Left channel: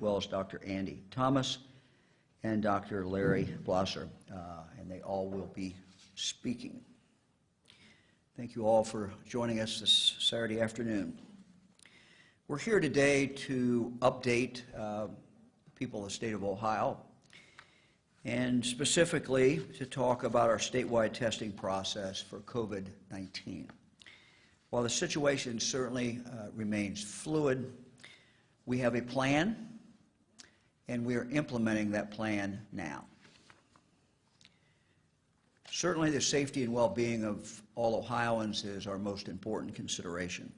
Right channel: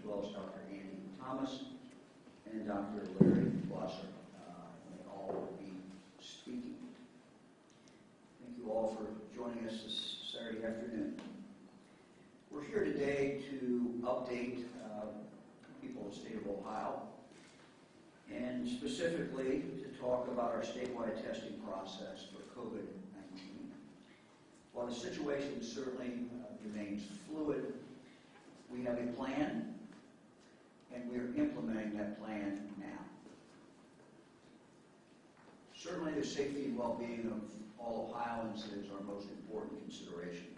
as well as Dr. Andy Thomas and Dr. Larry Blosser, and they all will be speaking. Thank you all for joining us this Saturday afternoon. We're here today to update people in the state of Ohio, and specifically to talk about our statewide testing process for COVID-19. While the situation certainly remains fluid, we have a plan, and we are implementing that plan now. Certainly the safety and well-being of all Ohioans is our most important consideration.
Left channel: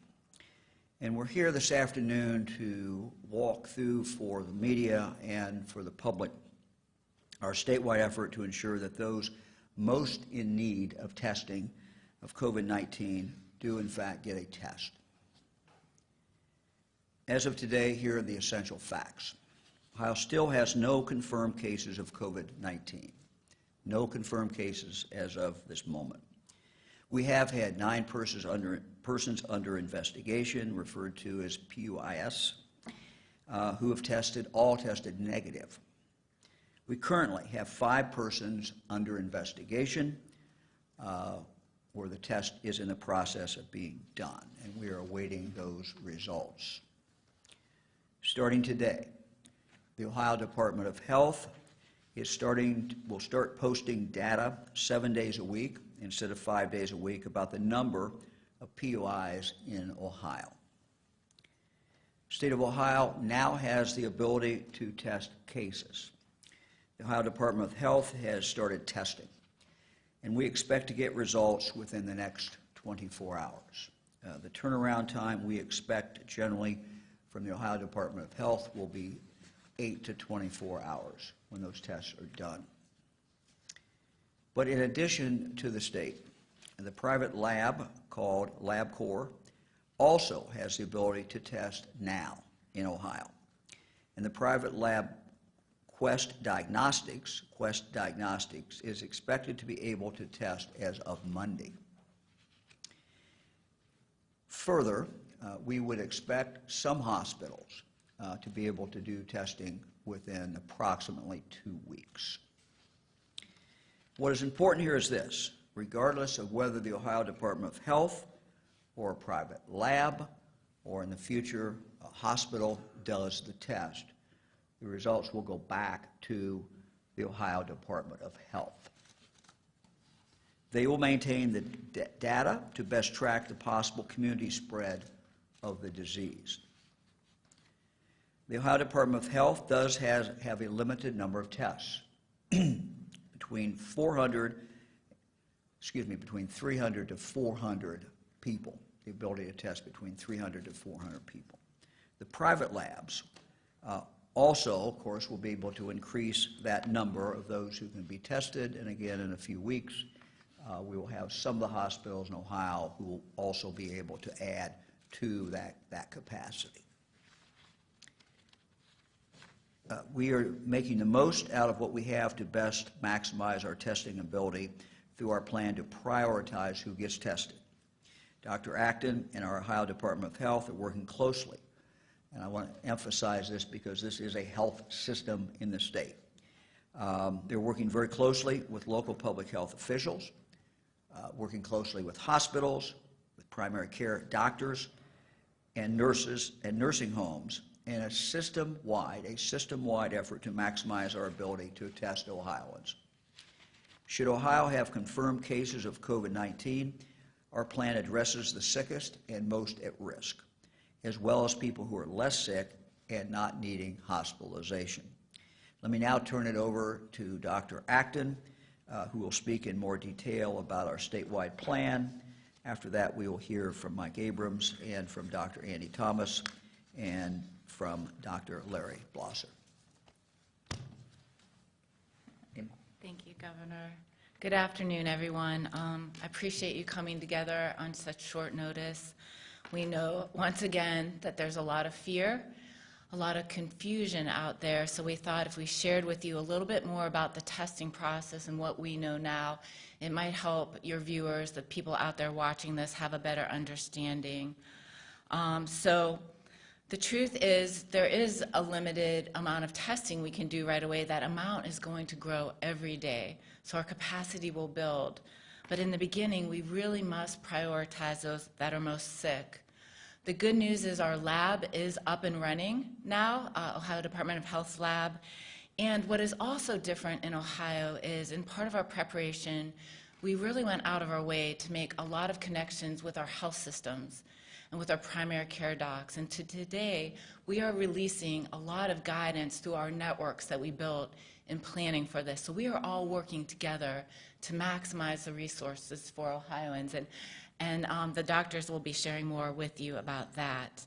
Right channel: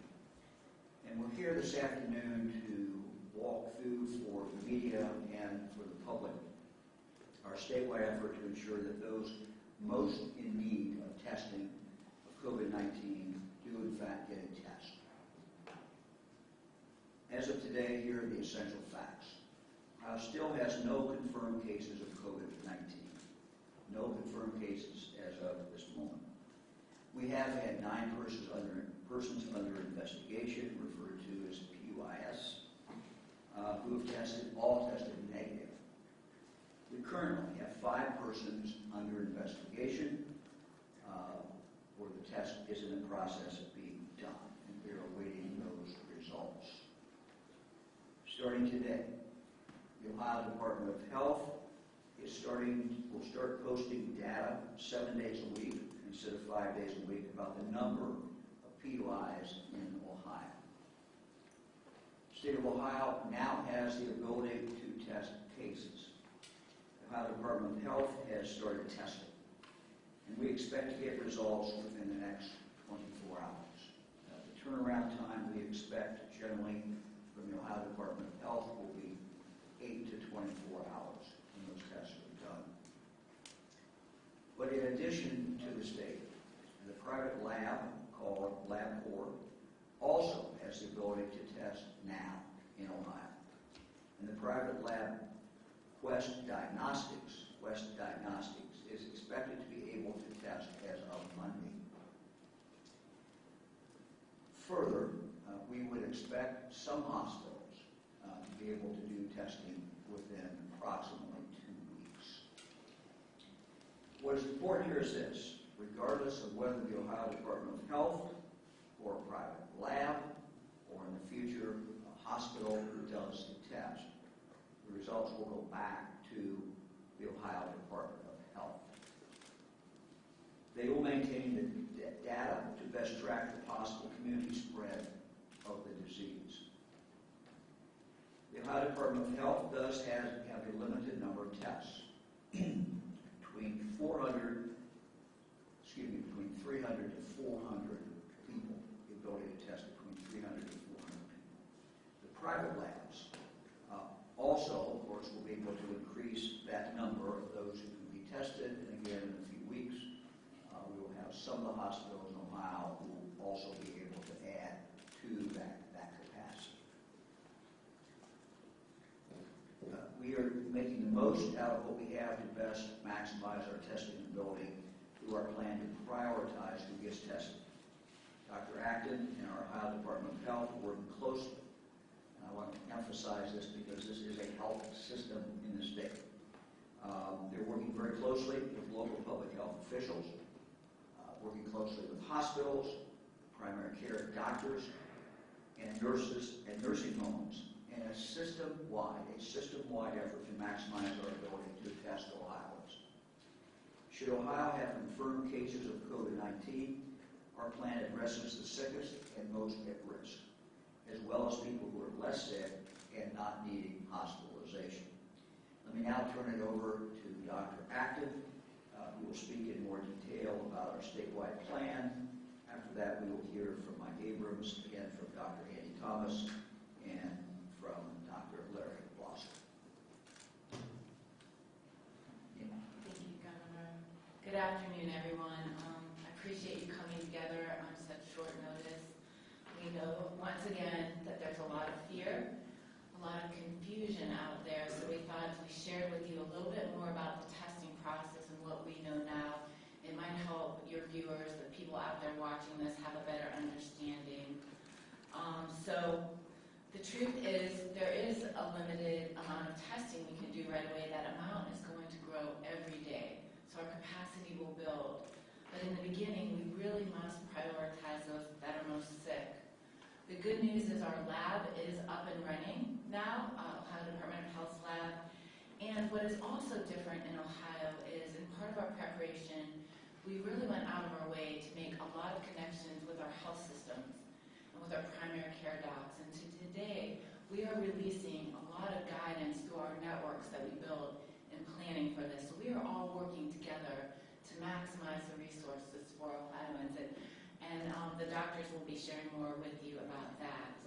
And we're here this afternoon to walk through for the media and for the public our statewide effort to ensure that those most in need of testing of COVID-19 do in fact get a test. As of today, here are the essential facts. Ohio still has no confirmed cases of COVID-19. No confirmed cases as of this moment. We have had 9 persons under investigation, referred to as PUIS, who have all tested negative. We currently have 5 persons under investigation where the test is in the process of being done, and we are awaiting those results. Starting today, the Ohio Department of Health will start posting data 7 days a week instead of 5 days a week about the number of PUIs in Ohio. The state of Ohio now has the ability to test cases. The Ohio Department of Health has started testing, and we expect to get results within the next 24 hours. The turnaround time we expect generally from the Ohio Department of Health will be 8 to 24 hours when those tests are done. But in addition to the state, the private lab called LabCorp also has the ability to test now in Ohio. And the private lab Quest Diagnostics is expected to be able to test as of Monday. Further, we would expect some hospitals to be able to do testing within approximately 2 weeks. What is important here is this: regardless of whether the Ohio Department of Health or a private lab or in the future a hospital does the test, the results will go back to the Ohio Department of Health. They will maintain the data to best track the possible community spread of the disease. The Ohio Department of Health does have a limited number of tests, between 300 to 400 people, the ability to test between 300 to 400 people. The private labs also, of course, will be able to increase that number of those who can be tested, and again, in a few weeks, we will have some of the hospitals in Ohio who will also be able to add to that capacity. We are making the most out of what we have to best maximize our testing ability through our plan to prioritize who gets tested. Dr. Acton and our Ohio Department of Health are working closely, and I want to emphasize this because this is a health system in the state. They're working very closely with local public health officials, working closely with hospitals, with primary care doctors, and nurses and nursing homes, in a system-wide effort to maximize our ability to test Ohioans. Should Ohio have confirmed cases of COVID-19, our plan addresses the sickest and most at risk, as well as people who are less sick and not needing hospitalization. Let me now turn it over to Dr. Acton, who will speak in more detail about our statewide plan. After that, we will hear from Mike Abrams and from Dr. Andy Thomas and from Dr. Larry Blosser. Thank you, Governor. Good afternoon, everyone. I appreciate you coming together on such short notice. We know, once again, that there's a lot of fear, a lot of confusion out there, so we thought if we shared with you a little bit more about the testing process and what we know now, it might help your viewers, the people out there watching this, have a better understanding. So The truth is, there is a limited amount of testing we can do right away. That amount is going to grow every day, so our capacity will build. But in the beginning, we really must prioritize those that are most sick. The good news is our lab is up and running now, Ohio Department of Health's lab. And what is also different in Ohio is, in part of our preparation, we really went out of our way to make a lot of connections with our health systems and with our primary care docs. And today, we are releasing a lot of guidance through our networks that we built in planning for this. So we are all working together to maximize the resources for Ohioans. And the doctors will be sharing more with you about that.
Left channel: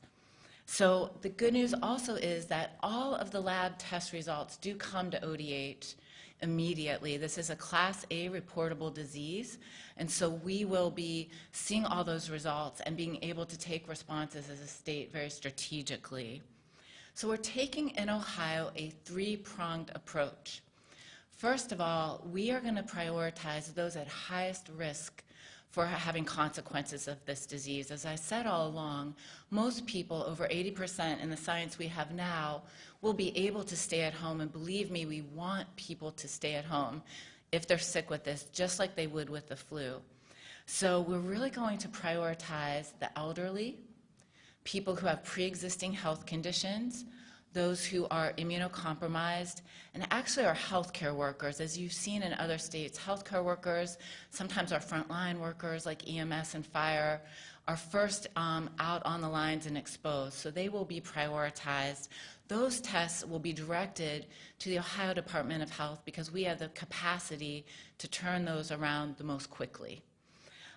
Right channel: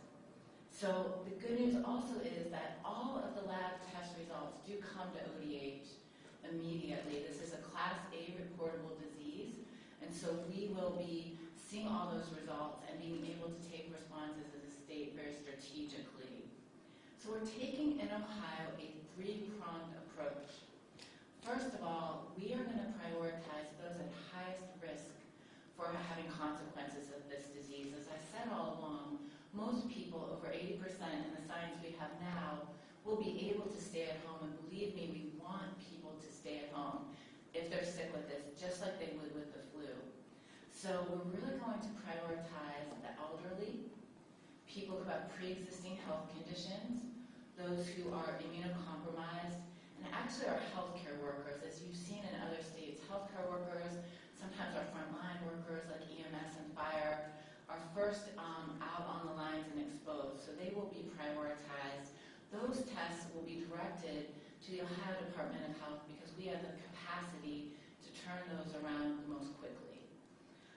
So the good news also is that all of the lab test results do come to ODH immediately. This is a Class A reportable disease, and so we will be seeing all those results and being able to take responses as a state very strategically. So we're taking in Ohio a three-pronged approach. First of all, we are going to prioritize those at highest risk for having consequences of this disease. As I said all along, most people, over 80% in the science we have now, will be able to stay at home, and believe me, we want people to stay at home if they're sick with this, just like they would with the flu. So we're really going to prioritize the elderly, people who have pre-existing health conditions, those who are immunocompromised, and actually our healthcare workers. As you've seen in other states, healthcare workers, sometimes our frontline workers like EMS and fire, are first out on the lines and exposed, so they will be prioritized. Those tests will be directed to the Ohio Department of Health because we have the capacity to turn those around the most quickly.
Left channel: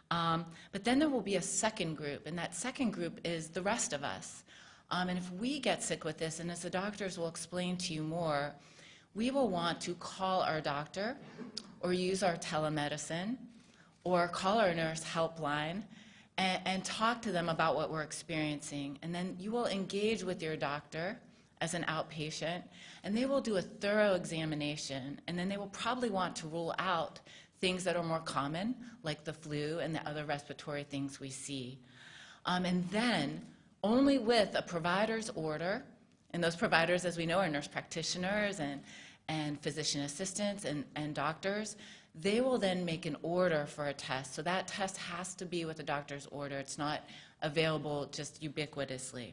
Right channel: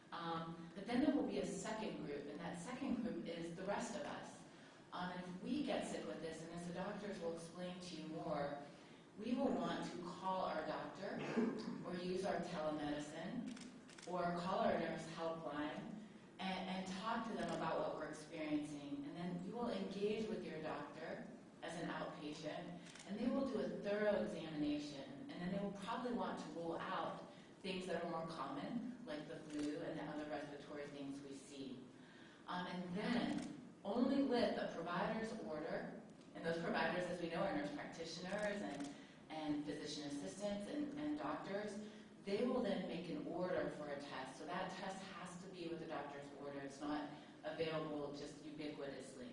But then there will be a second group, and that second group is the rest of us. And if we get sick with this, and as the doctors will explain to you more, we will want to call our doctor or use our telemedicine or call our nurse helpline and talk to them about what we're experiencing. And then you will engage with your doctor as an outpatient, and they will do a thorough examination, and then they will probably want to rule out things that are more common, like the flu and the other respiratory things we see. And then, only with a provider's order, and those providers, as we know, are nurse practitioners and physician assistants and doctors, they will then make an order for a test. So that test has to be with a doctor's order. It's not available just ubiquitously.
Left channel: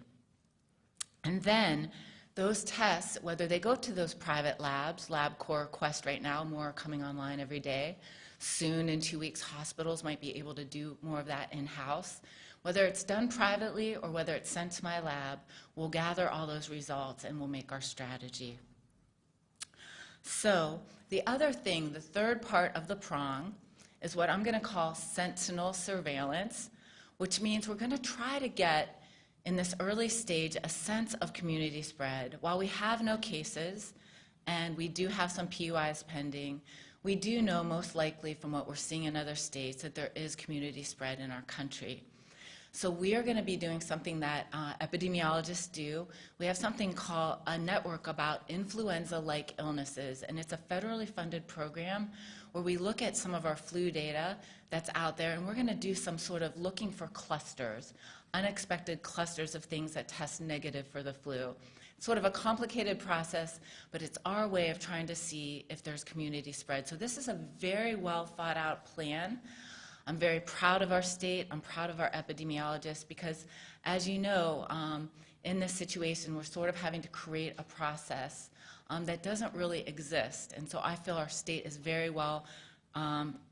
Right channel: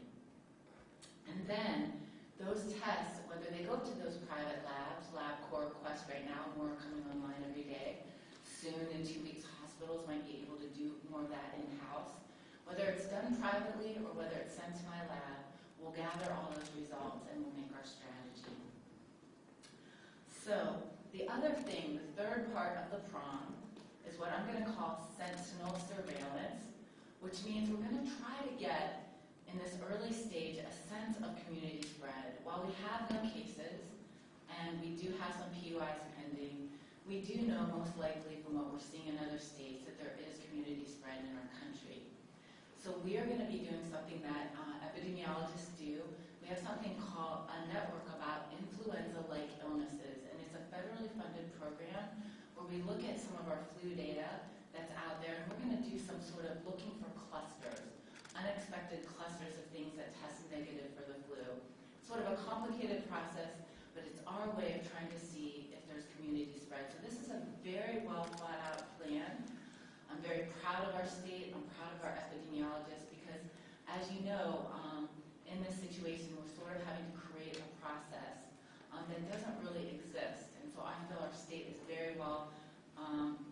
And then those tests, whether they go to those private labs, LabCorp, Quest right now, more are coming online every day. Soon, in 2 weeks, hospitals might be able to do more of that in-house. Whether it's done privately or whether it's sent to my lab, we'll gather all those results and we'll make our strategy. So the other thing, the third part of the prong, is what I'm going to call sentinel surveillance, which means we're going to try to get, in this early stage, a sense of community spread. While we have no cases, and we do have some PUIs pending, we do know most likely from what we're seeing in other states that there is community spread in our country. So we are going to be doing something that epidemiologists do. We have something called a network about influenza-like illnesses, and it's a federally funded program where we look at some of our flu data that's out there, and we're going to do some sort of looking for clusters, unexpected clusters of things that test negative for the flu. It's sort of a complicated process, but it's our way of trying to see if there's community spread. So this is a very well thought out plan. I'm very proud of our state. I'm proud of our epidemiologists because, as you know, in this situation, we're sort of having to create a process that doesn't really exist. And so I feel our state is very well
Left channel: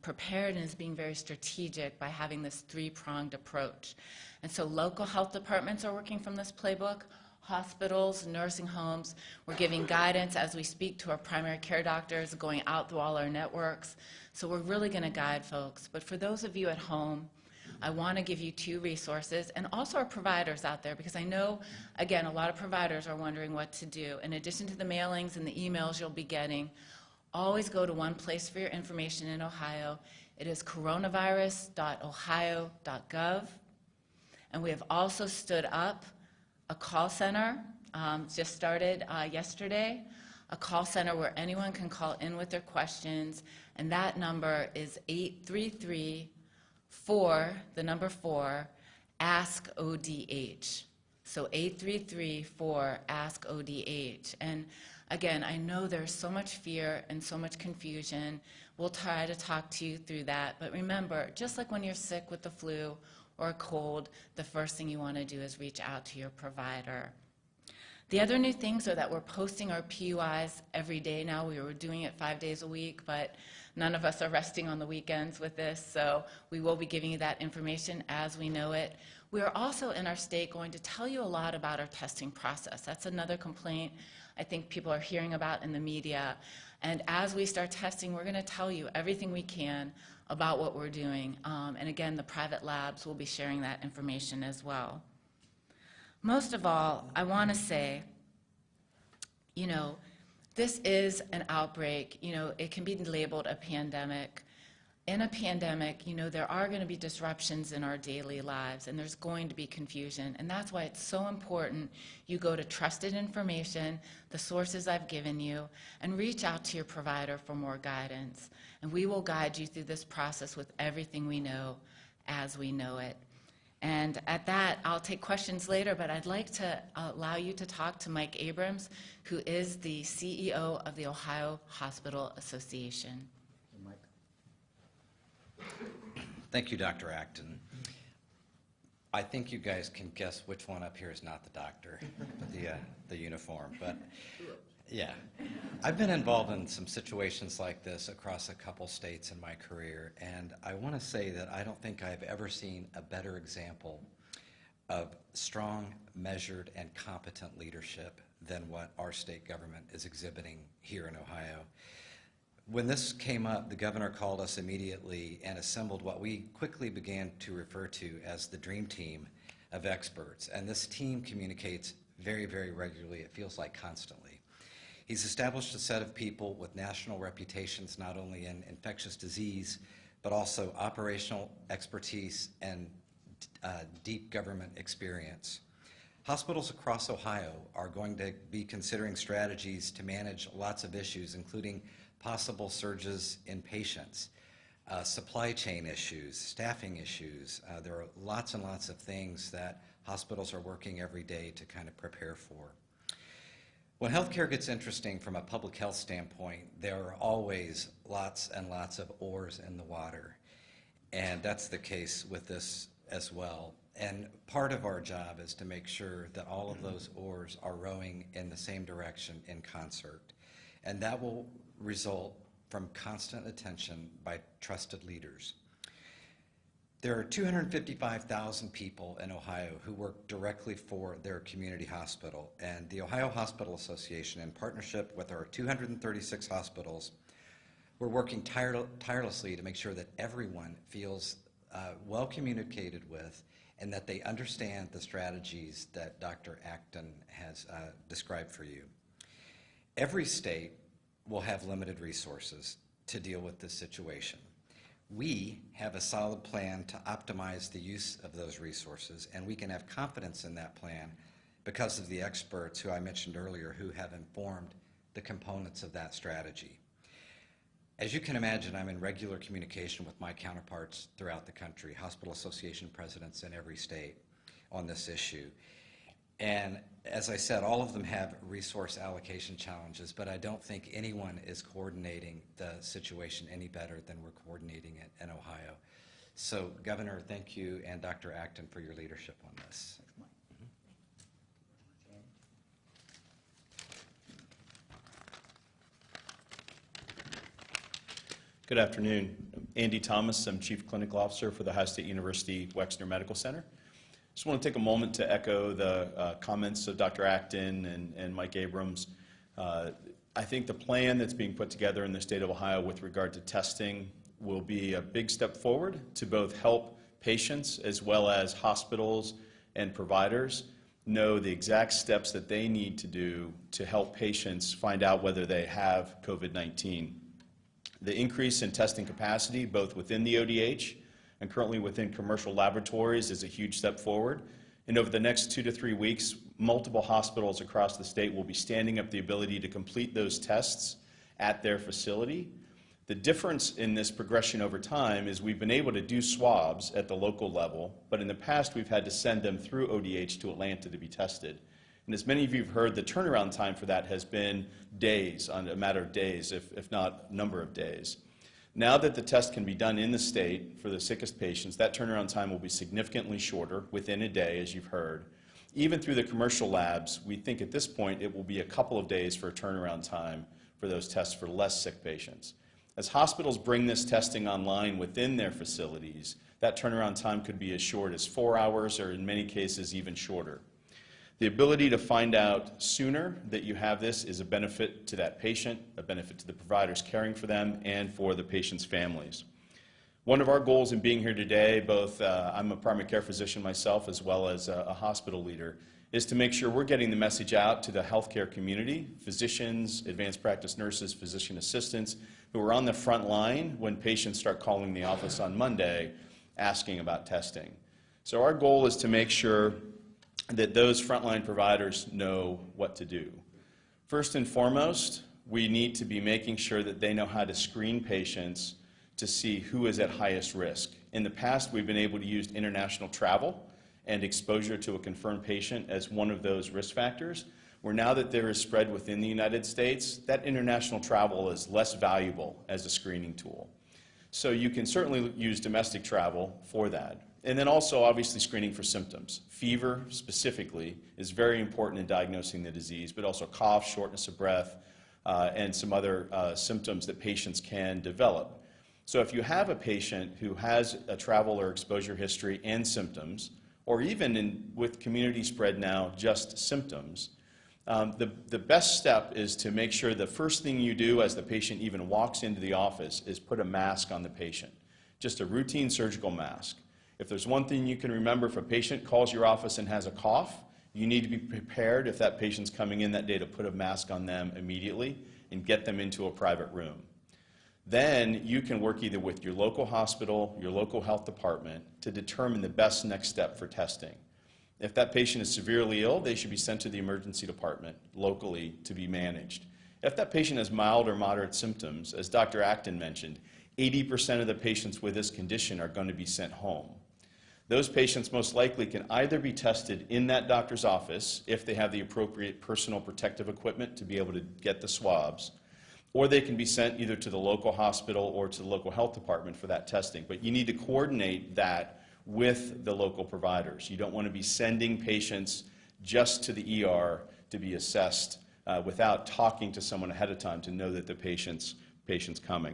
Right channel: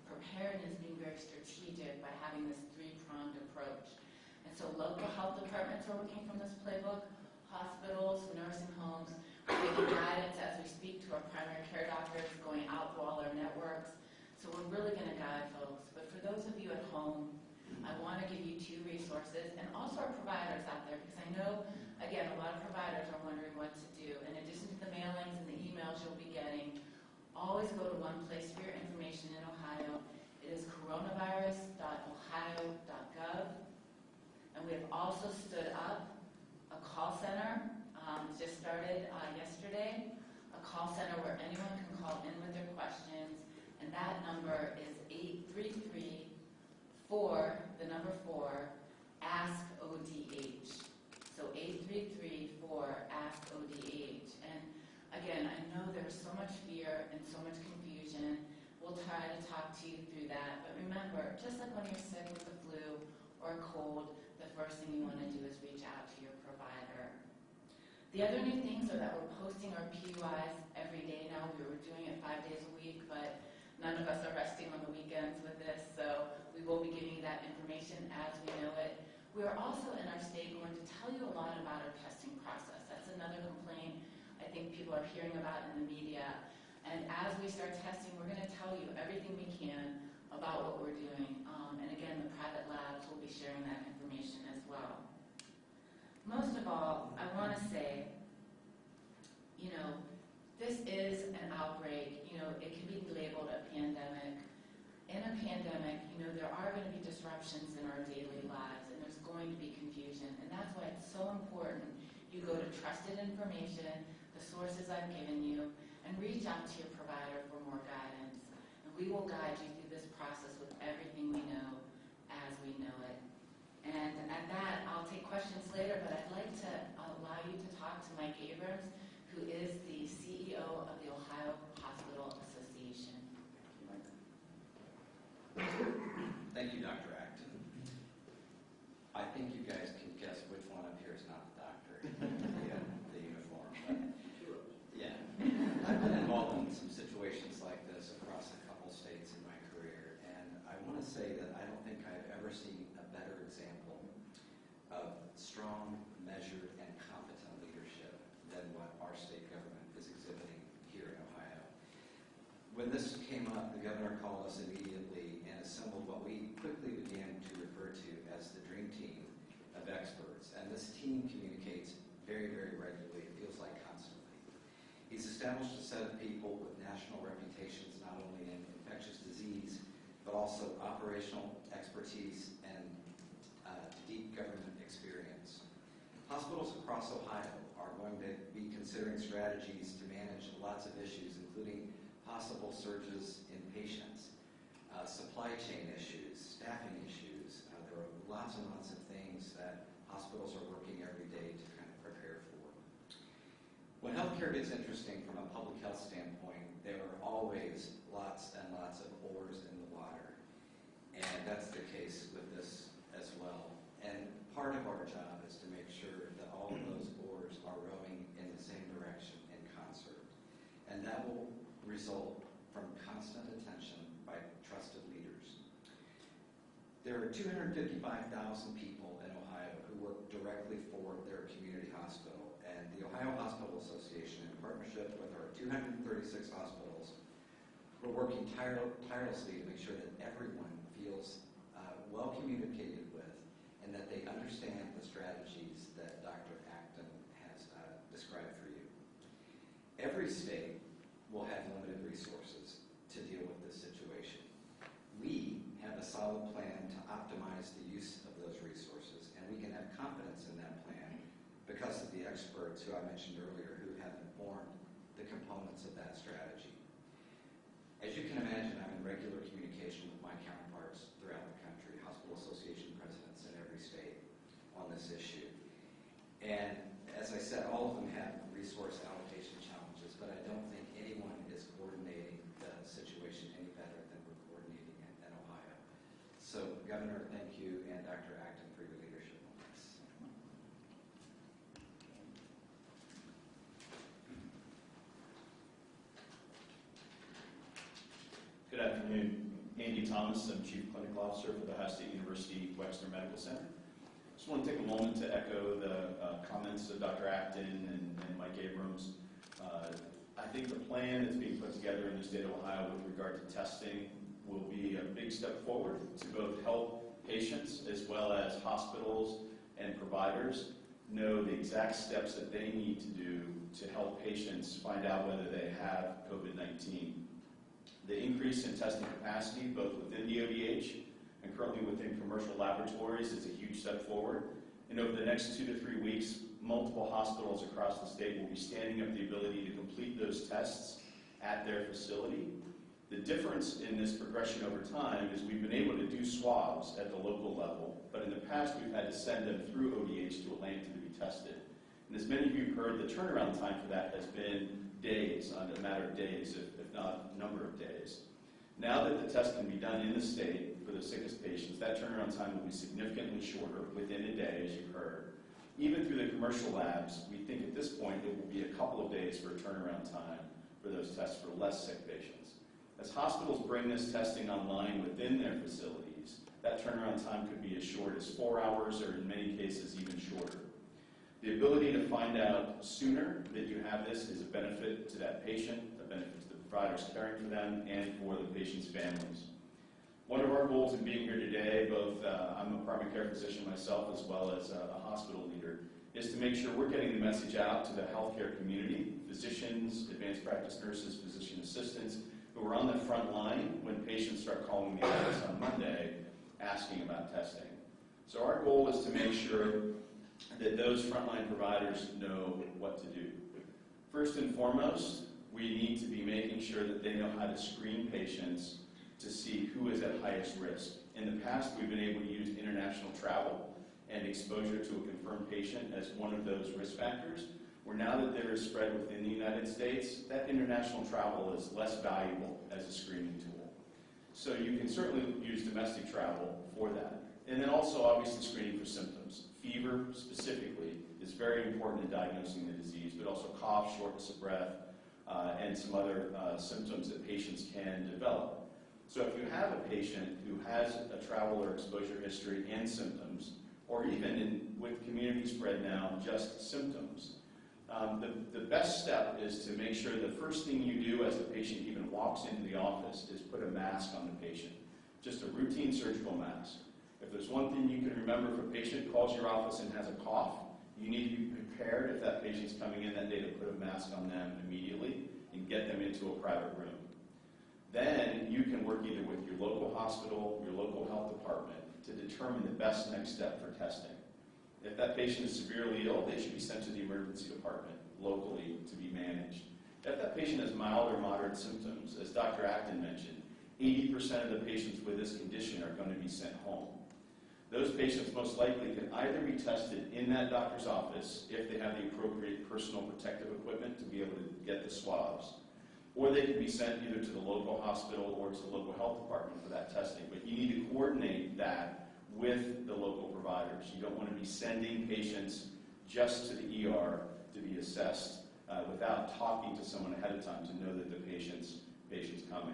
prepared and is being very strategic by having this three-pronged approach. And so local health departments are working from this playbook. Hospitals, nursing homes, we're giving guidance as we speak to our primary care doctors, going out through all our networks. So we're really going to guide folks. But for those of you at home, I want to give you two resources, and also our providers out there, because I know, again, a lot of providers are wondering what to do. In addition to the mailings and the emails you'll be getting, always go to one place for your information in Ohio. It is coronavirus.ohio.gov. And we have also stood up a call center, just started yesterday, a call center where anyone can call in with their questions, and that number is 833-4, the number 4, ASK-ODH. So 833-4-ASK-ODH. And again, I know there's so much fear and so much confusion. We'll try to talk to you through that. But remember, just like when you're sick with the flu or a cold, the first thing you want to do is reach out to your provider. The other new things are that we're posting our PUIs every day now. We were doing it 5 days a week, but none of us are resting on the weekends with this, so we will be giving you that information as we know it. We are also in our state going to tell you a lot about our testing process. That's another complaint I think people are hearing about in the media. And as we start testing, we're going to tell you everything we can about what we're doing. And again, the private labs will be sharing that information as well. Most of all, I want to say, you know, this is an outbreak. You know, it can be labeled a pandemic. In a pandemic, you know, there are going to be disruptions in our daily lives, and there's going to be confusion. And that's why it's so important you go to trusted information, the sources I've given you, and reach out to your provider for more guidance. And we will guide you through this process with everything we know as we know it. And at that, I'll take questions later, but I'd like to allow you to talk to Mike Abrams, who is the CEO of the Ohio Hospital Association. Thank you, Dr. Acton. I think you guys can guess which one up here is not the doctor, the uniform, but yeah. I've been involved in some situations like this across a couple states in my career, and I want to say that I don't think I've ever seen a better example of strong, measured, and competent leadership than what our state government is exhibiting here in Ohio. When this came up, the governor called us immediately and assembled what we quickly began to refer to as the dream team of experts. And this team communicates very, very regularly. It feels like constantly. He's established a set of people with national reputations, not only in infectious disease, but also operational expertise and deep government experience. Hospitals across Ohio are going to be considering strategies to manage lots of issues, including possible surges in patients, supply chain issues, staffing issues. There are lots and lots of things that hospitals are working every day to kind of prepare for. When healthcare gets interesting from a public health standpoint, there are always lots and lots of oars in the water. And that's the case with this as well. And part of our job is to make sure that all of those oars are rowing in the same direction in concert. And that will result from constant attention by trusted leaders. There are 255,000 people in Ohio who work directly for their community hospital, and the Ohio Hospital Association, in partnership with our 236 hospitals, we're working tirelessly to make sure that everyone feels well communicated with and that they understand the strategies that Dr. Acton has described for you. Every state will have limited resources to deal with this situation. We have a solid plan to optimize the use of those resources, and we can have confidence in that plan because of the experts who I mentioned earlier who have informed the components of that strategy. As you can imagine, I'm in regular communication with my counterparts throughout the country, hospital association presidents in every state on this issue. And as I said, all of them have resource allocation challenges, but I don't think anyone is coordinating the situation any better than we're coordinating it in Ohio. So, Governor, thank you, and Dr. Acton for your leadership on this. Good afternoon. I'm Andy Thomas. I'm Chief Clinical Officer for the Ohio State University Wexner Medical Center. Just want to take a moment to echo the comments of Dr. Acton and Mike Abrams. I think the plan that's being put together in the state of Ohio with regard to testing will be a big step forward to both help patients as well as hospitals and providers know the exact steps that they need to do to help patients find out whether they have COVID-19. The increase in testing capacity, both within the ODH and currently within commercial laboratories, is a huge step forward. And over the next 2 to 3 weeks, multiple hospitals across the state will be standing up the ability to complete those tests at their facility. The difference in this progression over time is we've been able to do swabs at the local level, but in the past we've had to send them through ODH to Atlanta to be tested. And as many of you have heard, the turnaround time for that has been days, on a matter of days, if not number of days. Now that the test can be done in the state for the sickest patients, that turnaround time will be significantly shorter, within a day, as you've heard. Even through the commercial labs, we think at this point it will be a couple of days for a turnaround time for those tests for less sick patients. As hospitals bring this testing online within their facilities, that turnaround time could be as short as 4 hours, or in many cases even shorter. The ability to find out sooner that you have this is a benefit to that patient, a benefit to the providers caring for them, and for the patient's families. One of our goals in being here today, both I'm a primary care physician myself as well as a hospital leader, is to make sure we're getting the message out to the healthcare community, physicians, advanced practice nurses, physician assistants, who are on the front line when patients start calling the office on Monday asking about testing. So our goal is to make sure that those frontline providers know what to do. First and foremost, we need to be making sure that they know how to screen patients to see who is at highest risk. In the past, we've been able to use international travel and exposure to a confirmed patient as one of those risk factors, where now that there is spread within the United States, that international travel is less valuable as a screening tool. So you can certainly use domestic travel for that. And then also obviously screening for symptoms. Fever specifically is very important in diagnosing the disease, but also cough, shortness of breath, and some other symptoms that patients can develop. So if you have a patient who has a travel or exposure history and symptoms, or even with community spread now, just symptoms, the best step is to make sure the first thing you do as the patient even walks into the office is put a mask on the patient, just a routine surgical mask. If there's one thing you can remember, if a patient calls your office and has a cough, you need to be prepared if that patient's coming in that day to put a mask on them immediately and get them into a private room. Then you can work either with your local hospital, your local health department to determine the best next step for testing. If that patient is severely ill, they should be sent to the emergency department locally to be managed. If that patient has mild or moderate symptoms, as Dr. Acton mentioned, 80% of the patients with this condition are going to be sent home. Those patients most likely can either be tested in that doctor's office if they have the appropriate personal protective equipment to be able to get the swabs, or they can be sent either to the local hospital or to the local health department for that testing. But you need to coordinate that with the local providers. You don't want to be sending patients just to the ER to be assessed without talking to someone ahead of time to know that the patient's coming.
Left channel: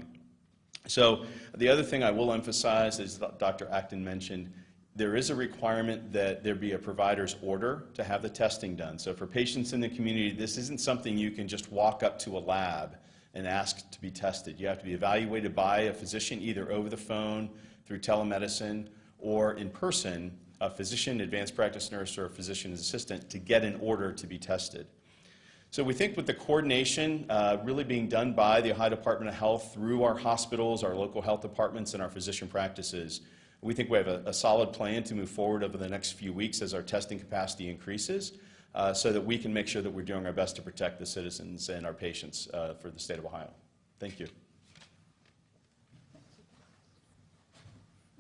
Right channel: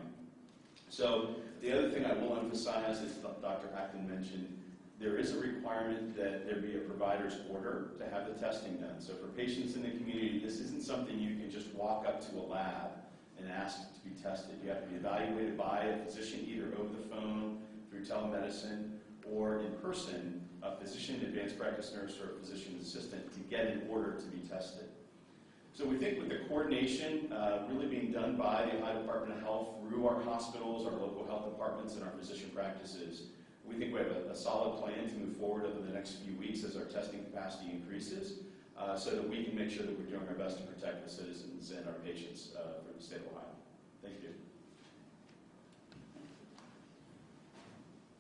So the other thing I will emphasize, as Dr. Acton mentioned, there is a requirement that there be a provider's order to have the testing done. So for patients in the community, this isn't something you can just walk up to a lab and ask to be tested. You have to be evaluated by a physician, either over the phone, through telemedicine, or in person, a physician, advanced practice nurse, or a physician's assistant to get an order to be tested. So we think with the coordination really being done by the Ohio Department of Health through our hospitals, our local health departments, and our physician practices, we think we have a solid plan to move forward over the next few weeks as our testing capacity increases so that we can make sure that we're doing our best to protect the citizens and our patients for the state of Ohio. Thank you.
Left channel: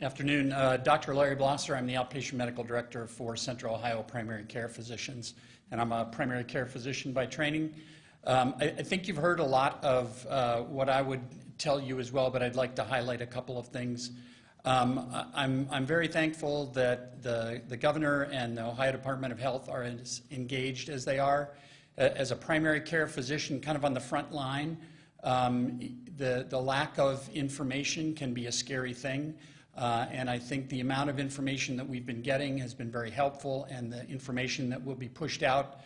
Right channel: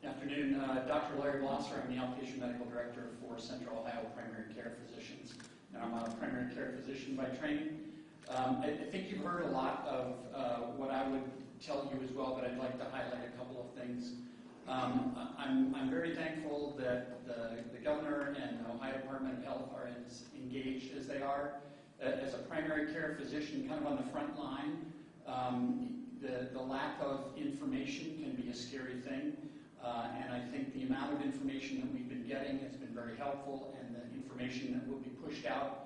Afternoon. Dr. Larry Blosser. I'm the outpatient medical director for Central Ohio Primary Care Physicians, and I'm a primary care physician by training. I think you've heard a lot of what I would tell you as well, but I'd like to highlight a couple of things. I'm very thankful that the governor and the Ohio Department of Health are as engaged as they are. As a primary care physician, kind of on the front line, the lack of information can be a scary thing. And I think the amount of information that we've been getting has been very helpful, and the information that will be pushed out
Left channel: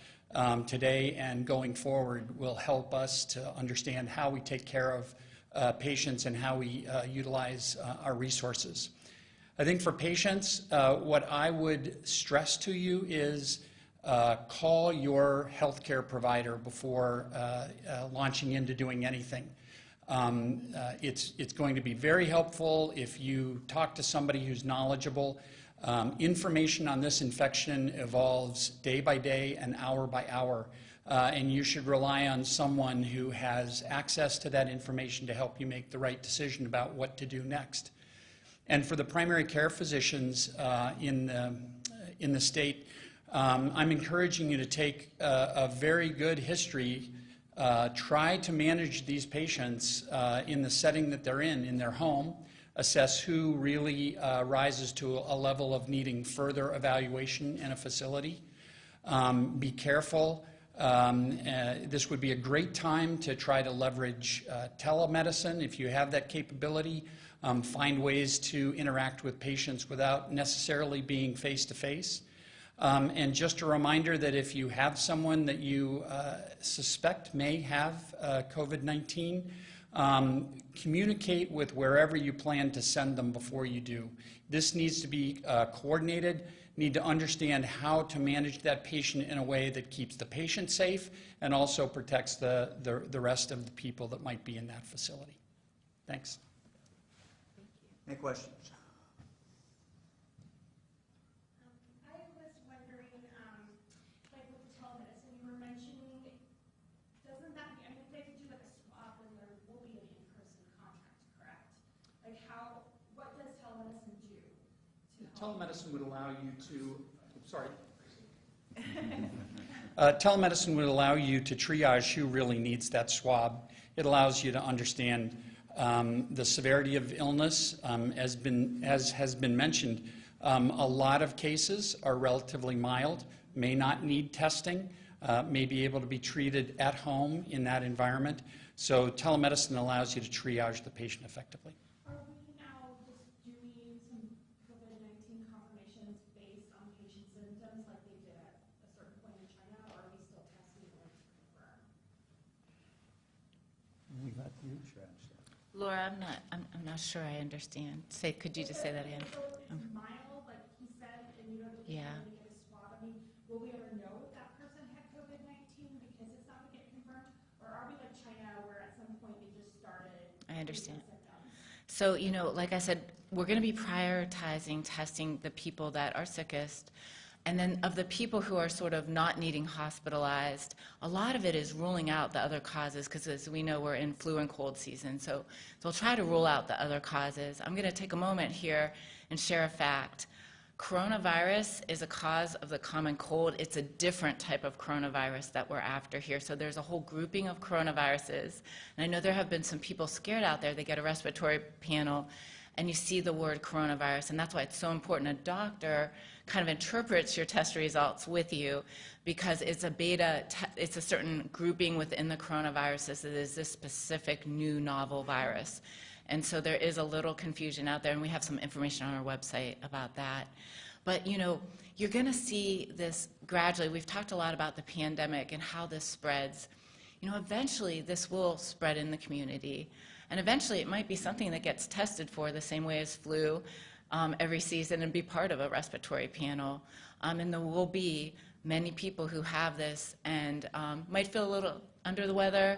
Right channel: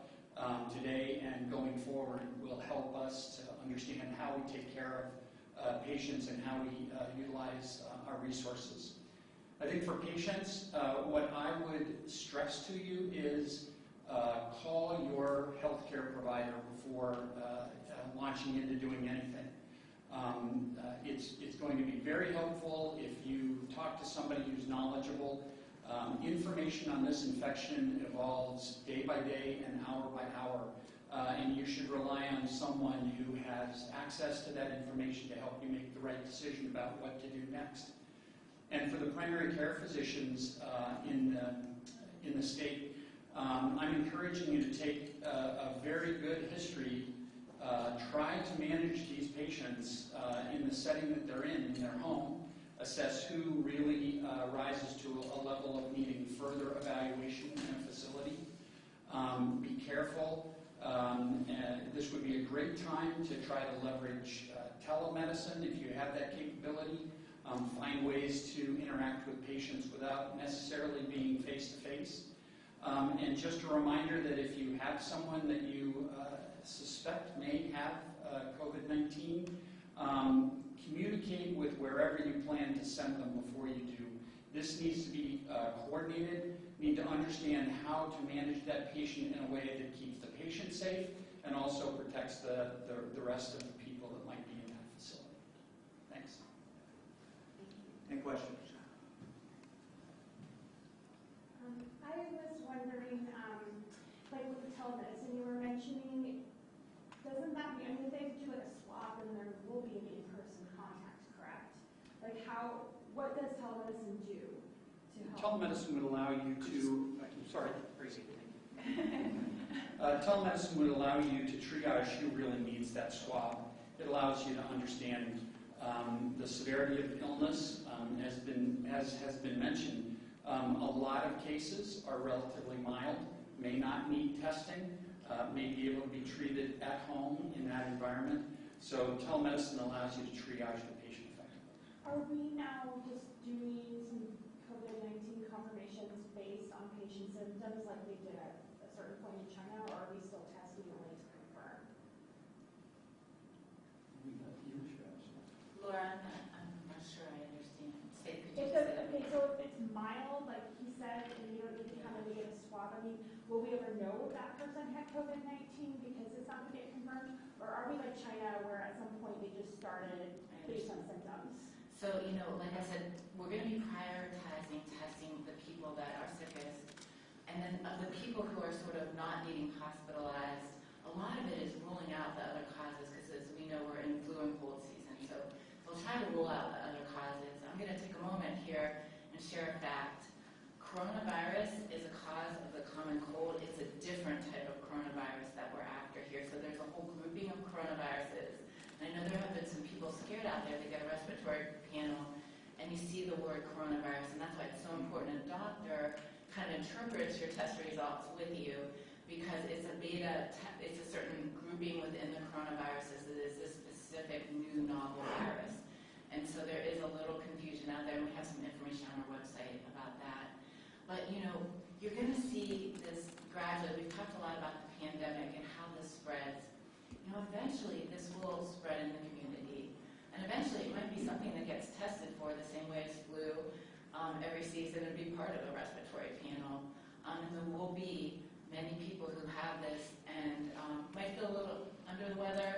today and going forward will help us to understand how we take care of patients and how we utilize our resources. I think for patients, what I would stress to you is call your healthcare provider before launching into doing anything. It's going to be very helpful if you talk to somebody who's knowledgeable. Information on this infection evolves day by day and hour by hour. and you should rely on someone who has access to that information to help you make the right decision about what to do next. And for the primary care physicians in the state, I'm encouraging you to take a very good history, try to manage these patients in the setting that they're in their home, assess who really rises to a level of needing further evaluation in a facility. Be careful. This would be a great time to try to leverage telemedicine if you have that capability. Find ways to interact with patients without necessarily being face-to-face. And just a reminder that if you have someone that you suspect may have COVID-19, communicate with wherever you plan to send them before you do. This needs to be coordinated, need to understand how to manage that patient in a way that keeps the patient safe and also protects the rest of the people that might be in that facility. Thanks. Any questions? I was wondering, like with the telemedicine you were mentioning, doesn't that be, I mean, if they do like a swab, then there will be an in-person contact, correct? Like what does telemedicine do to help? Telemedicine would allow you to, sorry, telemedicine would allow you to triage who really needs that swab. It allows you to understand the severity of illness. As has been mentioned, a lot of cases are relatively mild, may not need testing, may be able to be treated at home in that environment. So telemedicine allows you to triage the patient effectively. Are we now just doing some COVID-19 confirmations based on patient symptoms like they did at a certain point in China, or are we still testing only to confirm? Laura, I'm not sure I understand. Could you just say that again? So if it's mild, like he said, and you can't really get a swab, I mean, will we ever know if that person had COVID-19 because it's not going to get confirmed? Or are we like China where at some point they just started I understand. symptoms? So, like I said, we're going to be prioritizing testing the people that are sickest. And then of the people who are sort of not needing hospitalized, a lot of it is ruling out the other causes because as we know, we're in flu and cold season. So we'll try to rule out the other causes. I'm going to take a moment here and share a fact. Coronavirus is a cause of the common cold. It's a different type of coronavirus that we're after here. So there's a whole grouping of coronaviruses. And I know there have been some people scared out there. They get a respiratory panel and you see the word coronavirus. And that's why it's so important. A doctor kind of interprets your test results with you because it's a beta, it's a certain grouping within the coronaviruses. It is this specific new novel virus. And so there is a little confusion out there, and we have some information on our website about that. But you're going to see this gradually. We've talked a lot about the pandemic and how this spreads. Eventually this will spread in the community. And eventually it might be something that gets tested for the same way as flu every season and be part of a respiratory panel. And there will be many people who have this and might feel a little under the weather,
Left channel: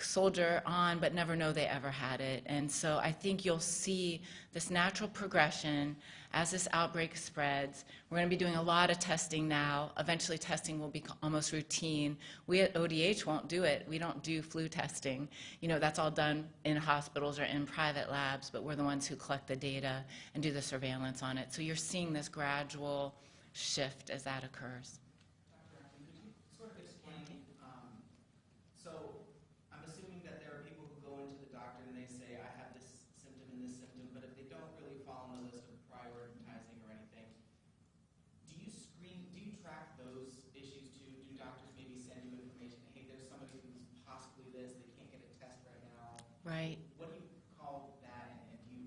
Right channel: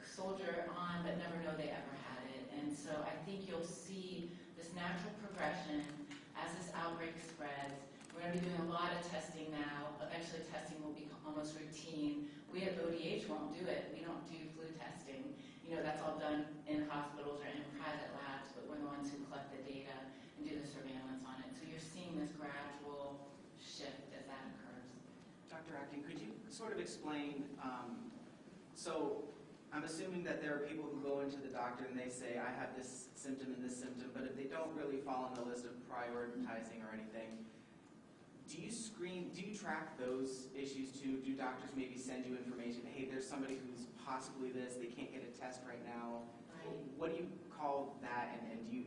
soldier on, but never know they ever had it. And so I think you'll see this natural progression as this outbreak spreads. We're going to be doing a lot of testing now. Eventually testing will be almost routine. We at ODH won't do it. We don't do flu testing. That's all done in hospitals or in private labs, but we're the ones who collect the data and do the surveillance on it. So you're seeing this gradual shift as that occurs. Dr. Acton, could you sort of explain, so I'm assuming that there are people who go into the doctor and they say, I have this symptom and this symptom, but if they don't really fall on the list of prioritizing or anything, do you track those issues too? Do doctors maybe send you information, hey, there's somebody who's possibly this, they can't get a test right now? Right. What do you call that, and do you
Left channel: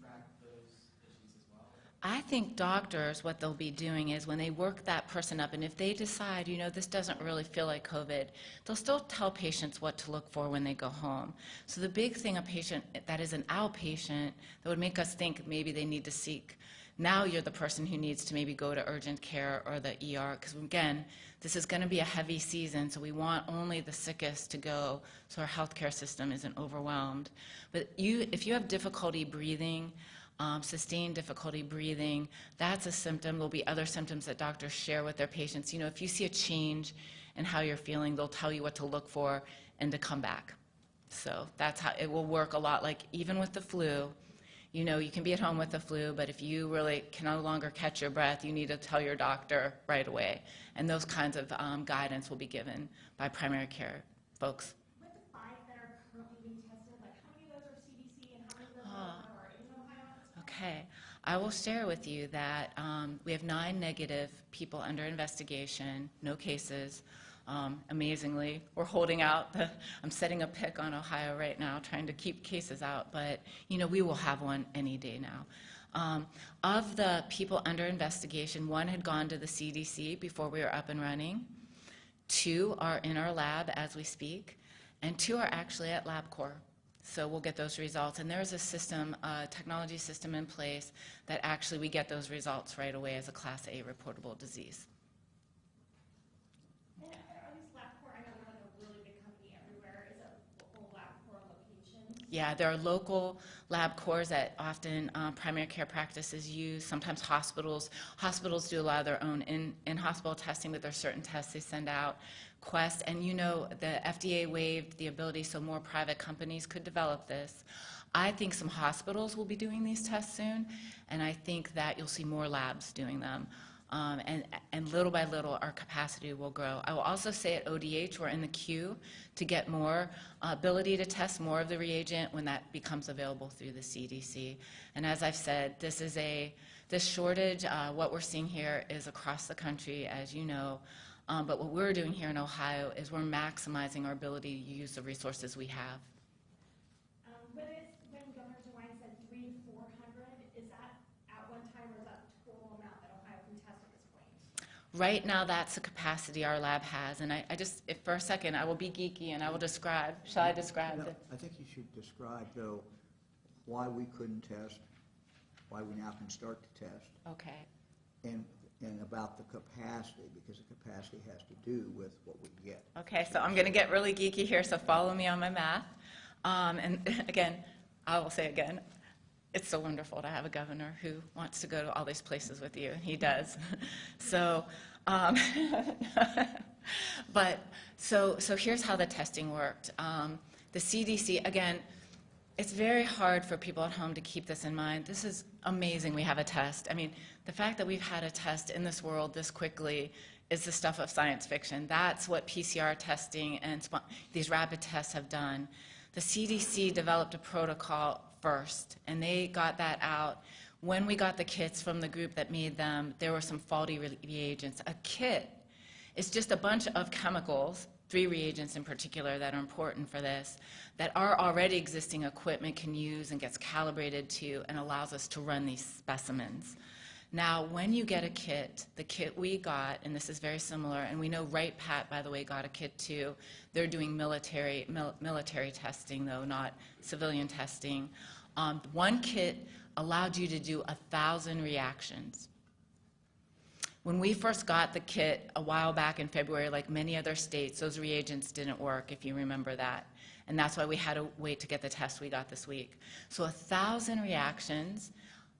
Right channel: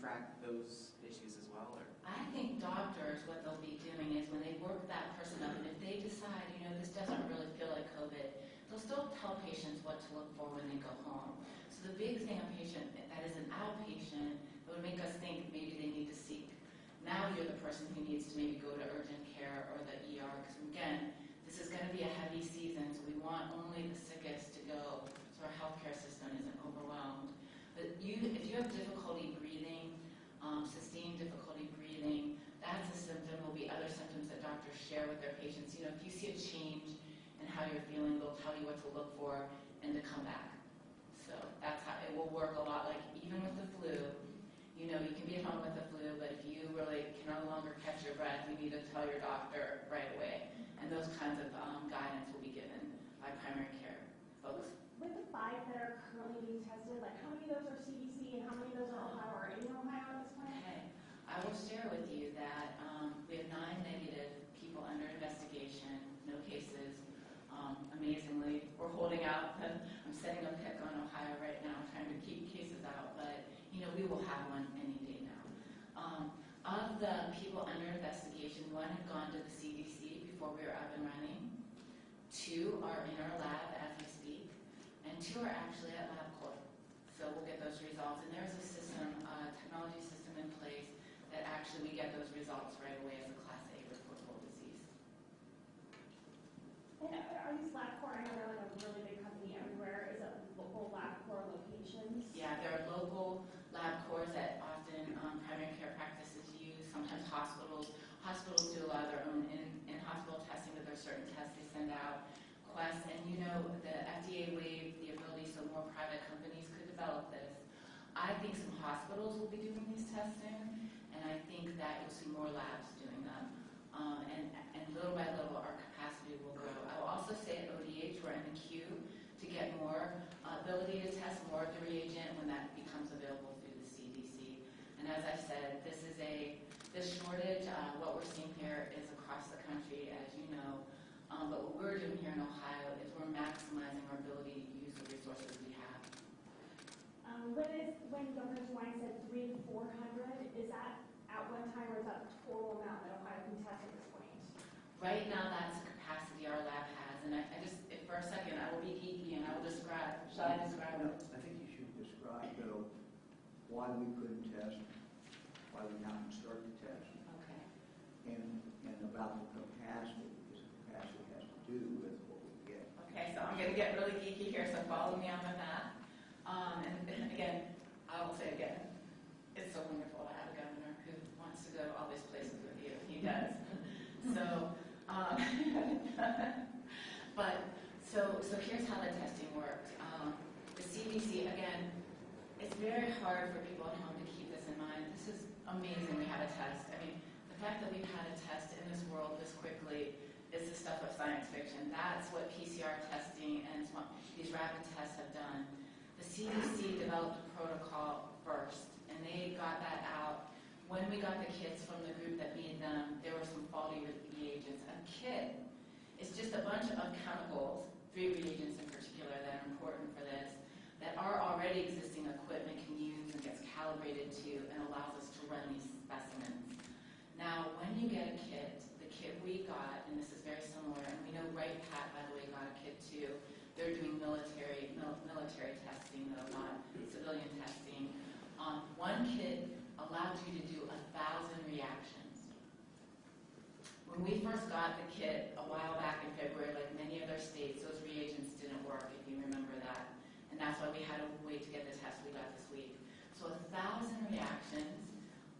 track those issues as well? Or? I think doctors, what they'll be doing is when they work that person up, and if they decide, this doesn't really feel like COVID, they'll still tell patients what to look for when they go home. So the big thing, a patient that is an outpatient, that would make us think maybe they need to seek. Now you're the person who needs to maybe go to urgent care or the ER, because again, this is going to be a heavy season, so we want only the sickest to go so our healthcare system isn't overwhelmed. But if you have difficulty breathing, sustained difficulty breathing, that's a symptom. There'll be other symptoms that doctors share with their patients. If you see a change and how you're feeling. They'll tell you what to look for and to come back. So that's how it will work a lot like even with the flu. You know, you can be at home with the flu, but if you really can no longer catch your breath, you need to tell your doctor right away. And those kinds of guidance will be given by primary care folks. With the 5 that are currently being tested, like how many of those are CDC and how many of those are in Ohio at this point? Okay. I will share with you that we have 9 negative people under investigation, no cases. Amazingly, we're holding out. I'm setting a pick on Ohio right now, trying to keep cases out, but you know we will have one any day now. Of the people under investigation, 1 had gone to the CDC before we were up and running. 2 are in our lab as we speak, and 2 are actually at LabCorp. So we'll get those results, and there's a system, a technology system in place that actually we get those results right away as a Class A reportable disease. And are these LabCorp, I know they're like a really big company everywhere. Is it local LabCorp locations? Yeah, there are local LabCorps that often primary care practices use. Sometimes hospitals do a lot of their own in-hospital testing, but there's certain tests they send out. Quest, and you know the FDA waived the ability so more private companies could develop this. I think some hospitals will be doing these tests soon, and I think that you'll see more labs doing them. And little by little, our capacity will grow. I will also say at ODH, we're in the queue to get more ability to test more of the reagent when that becomes available through the CDC. And as I've said, this shortage, what we're seeing here is across the country, as you know. But what we're doing here in Ohio is we're maximizing our ability to use the resources we have. When Governor DeWine said 300 to 400, is that at one time or is that the total amount that Ohio can test at this point? Right now, that's the capacity our lab has. And I just, if for a second, I will be geeky and I will describe. Shall I describe No, it? I think you should describe, though, why we couldn't test, why we now can start to test, Okay. and about the capacity, because the capacity has to do with what we get. Okay, so I'm going to get really geeky here, so follow me on my math. And again, I will say again, it's so wonderful to have a governor who wants to go to all these places with you. He does. So here's how the testing worked. The CDC, again, it's very hard for people at home to keep this in mind. This is amazing we have a test. I mean, the fact that we've had a test in this world this quickly is the stuff of science fiction. That's what PCR testing and these rapid tests have done. The CDC developed a protocol first, and they got that out. When we got the kits from the group that made them, there were some faulty reagents. A kit is just a bunch of chemicals, 3 reagents in particular that are important for this, that our already existing equipment can use and gets calibrated to and allows us to run these specimens. Now, when you get a kit, the kit we got, and this is very similar, and we know Right Pat, by the way, got a kit too. They're doing military testing, though, not civilian testing. One kit allowed you to do 1,000 reactions. When we first got the kit a while back in February, like many other states, those reagents didn't work, if you remember that. And that's why we had to wait to get the test we got this week. So 1,000 reactions.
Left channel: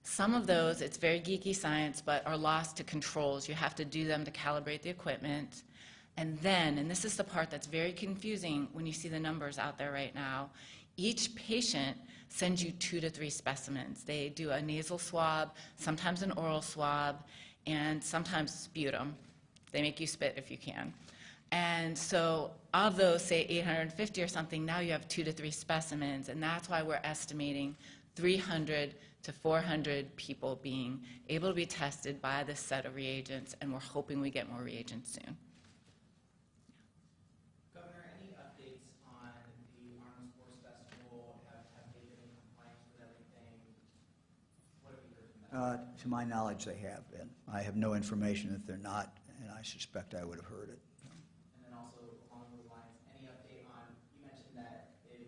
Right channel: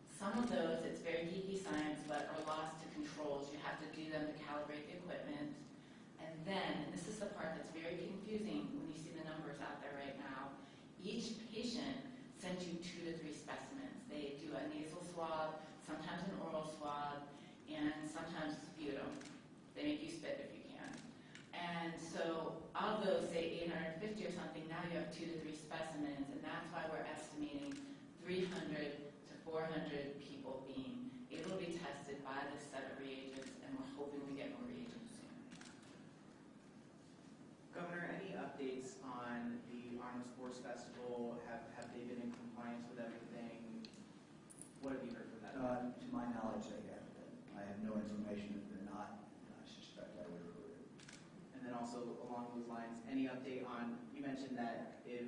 Some of those, it's very geeky science, but are lost to controls. You have to do them to calibrate the equipment. And then, and this is the part that's very confusing when you see the numbers out there right now, each patient sends you 2 to 3 specimens. They do a nasal swab, sometimes an oral swab, and sometimes sputum. They make you spit if you can. And so of those, say 850 or something, now you have 2 to 3 specimens, and that's why we're estimating 300 to 400 people being able to be tested by this set of reagents, and we're hoping we get more reagents soon. Governor, any updates on the Arnold Sports Festival? Have they been in compliance with everything? What have you heard from them? To my knowledge, they have been. I have no information that they're not, and I suspect I would have heard it. And then also along those lines, any update on, you mentioned that if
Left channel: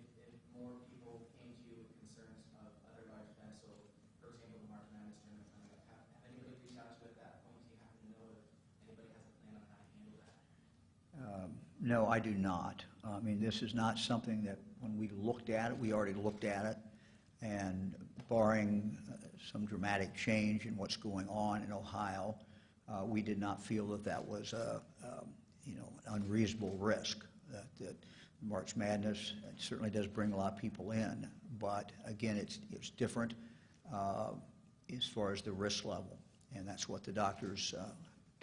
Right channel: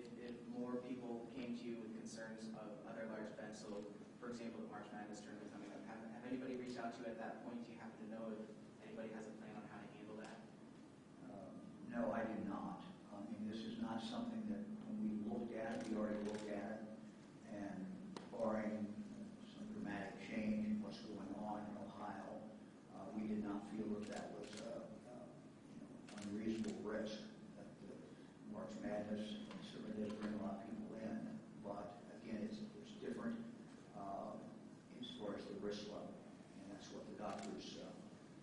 more people came to you with concerns of other large events, so for example, the March Madness tournament coming up, have anybody reached out to you at that point? Do you happen to know if anybody has a plan on how to handle that? No, I do not. I mean, this is not something that when we looked at it, we already looked at it, and barring some dramatic change in what's going on in Ohio, we did not feel that that was unreasonable risk. That March Madness certainly does bring a lot of people in, but again, it's different as far as the risk level, and that's what the doctors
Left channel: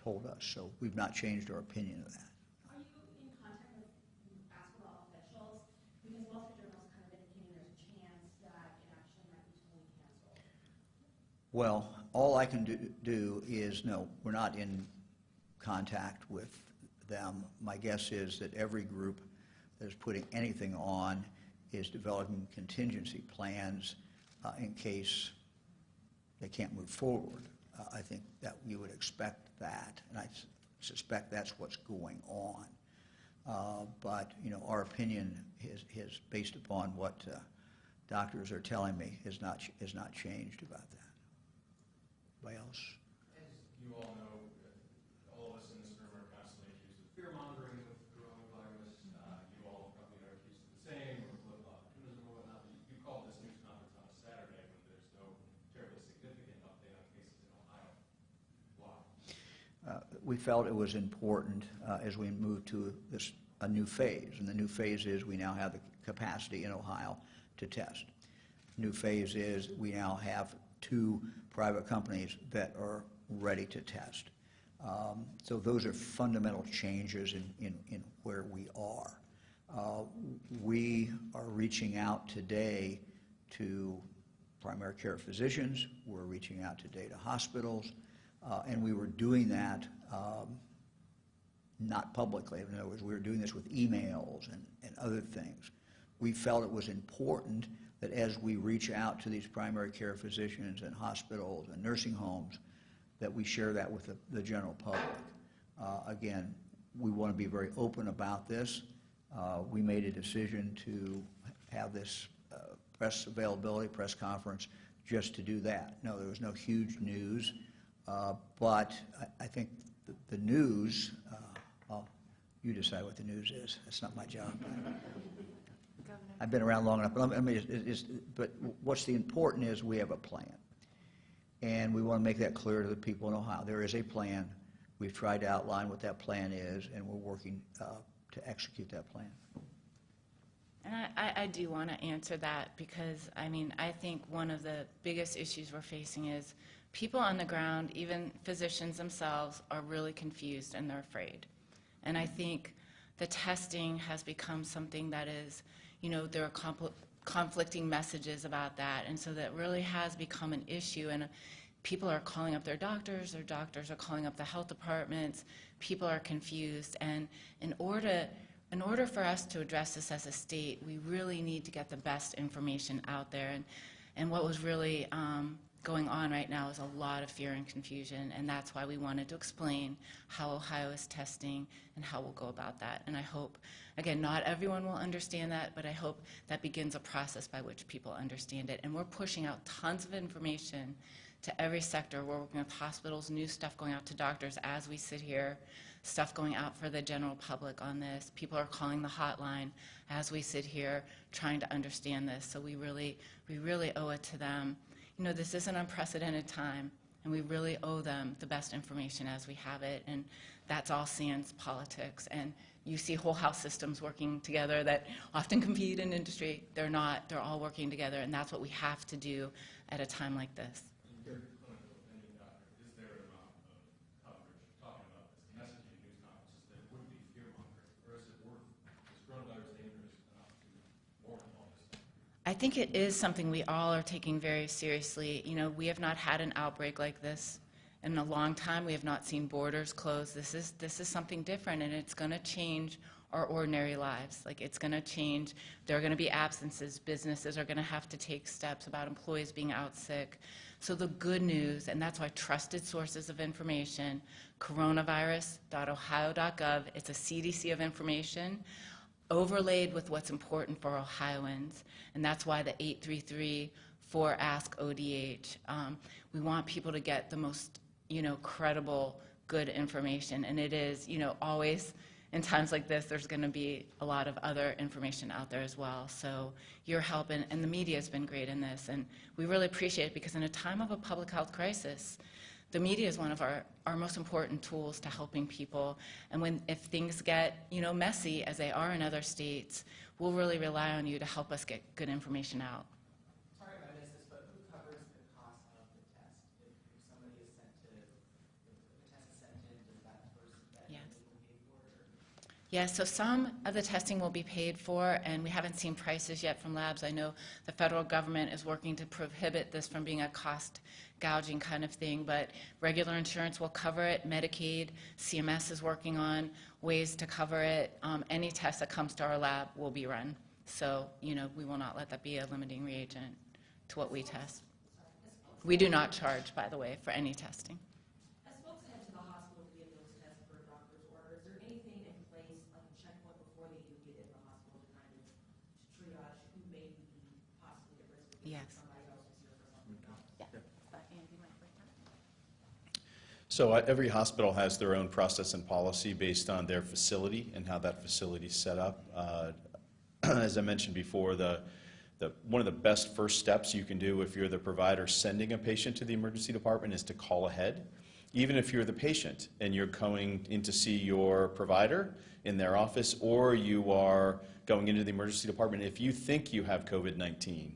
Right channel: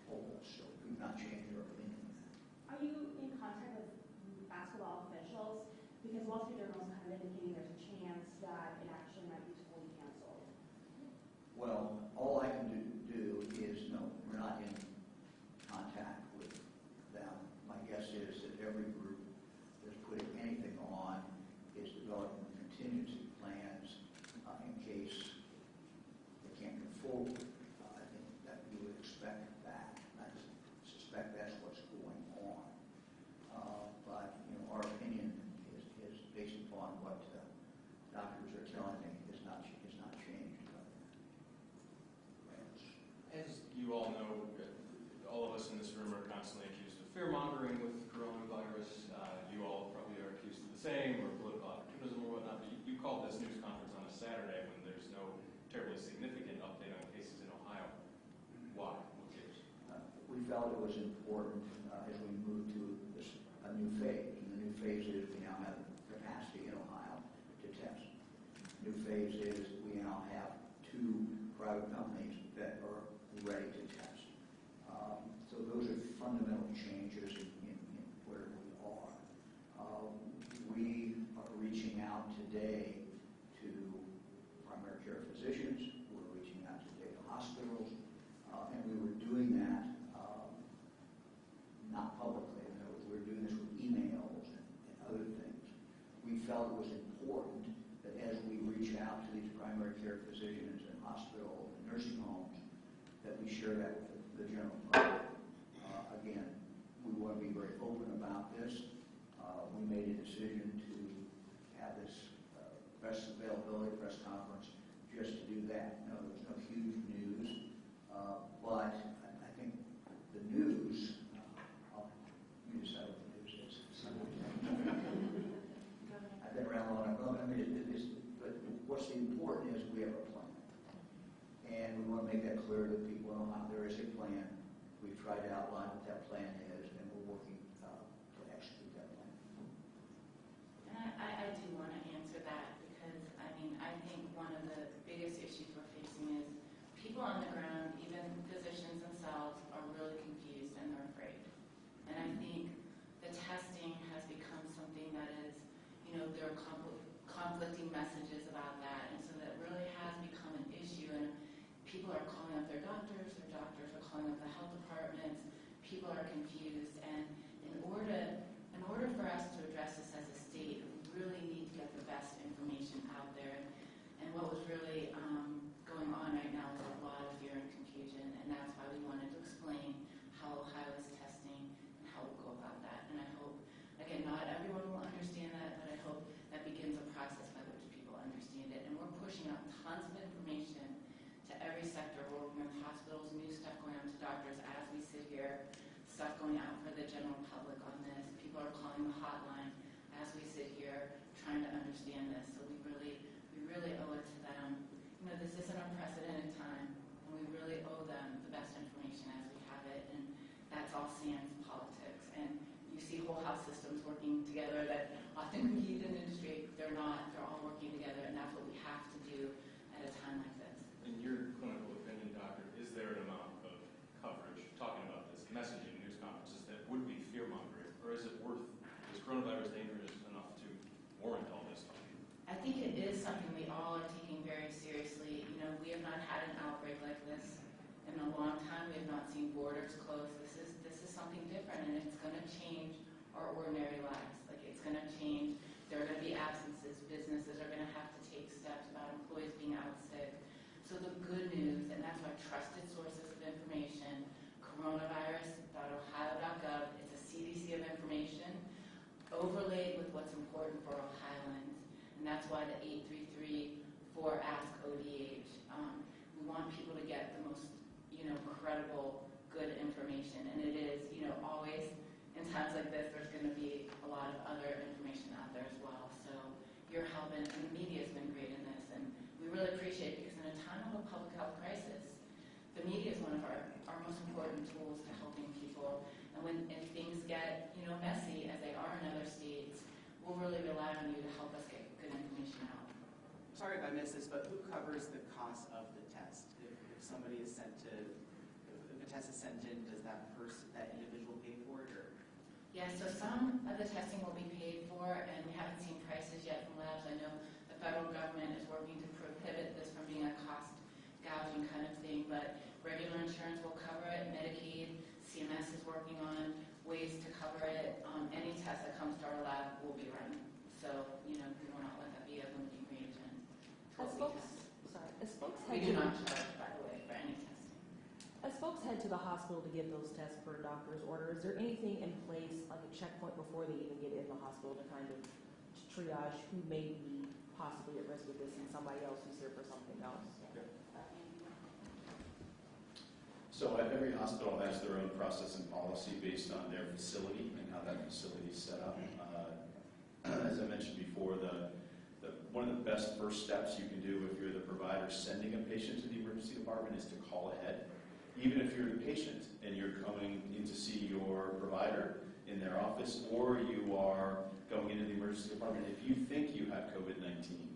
told us. So we've not changed our opinion of that. Are you in contact with basketball officials? Because Wall Street Journal is kind of indicating there's a chance that an action might be totally canceled. Well, all I can do is, no, we're not in contact with them. My guess is that every group that is putting anything on is developing contingency plans in case they can't move forward. I think that you would expect that, and I suspect that's what's going on. But you know, our opinion is based upon what doctors are telling me is not changed about that. Anybody else? As you all know, all of us in this room are constantly accused of fear-mongering with coronavirus. You all probably are accused of the same, or political opportunism or whatnot, but you called this news conference on a Saturday when there's no terribly significant update on cases in Ohio. Why? We felt it was important as we move to a new phase, and the new phase is we now have the capacity in Ohio to test. New phase is we now have 2 private companies that are ready to test. So those are fundamental changes in where we are. We are reaching out today to primary care physicians. We're reaching out today to hospitals. And we were doing that not publicly. In other words, we were doing this with emails and other things. We felt it was important that as we reach out to these primary care physicians and hospitals and nursing homes, that we share that with the general public. Again, we want to be very open about this. We made a decision to have this press availability, press conference, just to do that. No, there was no huge news, but I think the news, you decide what the news is. That's not my job. I've been around long enough, but but what's the important is we have a plan. And we want to make that clear to the people in Ohio. There is a plan. We've tried to outline what that plan is, and we're working to execute that plan. And I do want to answer that because, I mean, I think one of the biggest issues we're facing is people on the ground, even physicians themselves, are really confused and they're afraid. And I think the testing has become something that is, you know, there are conflicting messages about that, and so that really has become an issue. And people are calling up their doctors are calling up the health departments, people are confused, and in order for us to address this as a state, we really need to get the best information out there. And what was really going on right now is a lot of fear and confusion, and that's why we wanted to explain how Ohio is testing and how we'll go about that. And I hope, again, not everyone will understand that, but I hope that begins a process by which people understand it. And we're pushing out tons of information to every sector. We're working with hospitals, new stuff going out to doctors as we sit here, stuff going out for the general public on this. People are calling the hotline as we sit here trying to understand this. So we really owe it to them. You know, this is an unprecedented time, and we really owe them the best information as we have it, and that's all sans politics. And you see whole health systems working together that often compete in industry. They're not. They're all working together, and that's what we have to do at a time like this. In your clinical opinion, doctor, is there an amount of coverage talking about this messaging in news conferences that would be fear-mongering, or is coronavirus dangerous enough to warrant all this? I think it is something we all are taking very seriously. You know, we have not had an outbreak like this in a long time. We have not seen borders closed. This is something different, and it's going to change our ordinary lives. Like, it's going to change. There are going to be absences. Businesses are going to have to take steps about employees being out sick. So the good news, and that's why trusted sources of information, coronavirus.ohio.gov, it's a CDC of information, overlaid with what's important for Ohioans. And that's why the 833 for Ask ODH. We want people to get the most, you know, credible, good information. And it is, you know, always in times like this, there's going to be a lot of other information out there as well. So your help and the media has been great in this. And we really appreciate it because in a time of a public health crisis, the media is one of our most important tools to helping people. And if things get, messy, as they are in other states, we'll really rely on you to help us get good information out. Sorry if I missed this, but who covers the cost of the test? If somebody is sent to, if a test is sent in, does that individual pay for it? Or? Yeah, so some of the testing will be paid for, and we haven't seen prices yet from labs. I know the federal government is working to prohibit this from being a cost gouging kind of thing, but regular insurance will cover it. Medicaid, CMS is working on ways to cover it. Any test that comes to our lab will be run. So, we will not let that be a limiting reagent to what we test. We do not charge, by the way, for any testing. As folks head to the hospital to get those tests per doctor's order, is there anything in place, like a checkpoint before they even get in the hospital to kind of triage who may be possibly at risk of this and somebody else who's here for something else? So every hospital has their own process and policy based on their facility and how that facility is set up. As I mentioned before, one of the best first steps you can do if you're the provider sending a patient to the emergency department is to call ahead. Even if you're the patient and you're going in to see your provider in their office, or you are going into the emergency department, if you think you have COVID-19,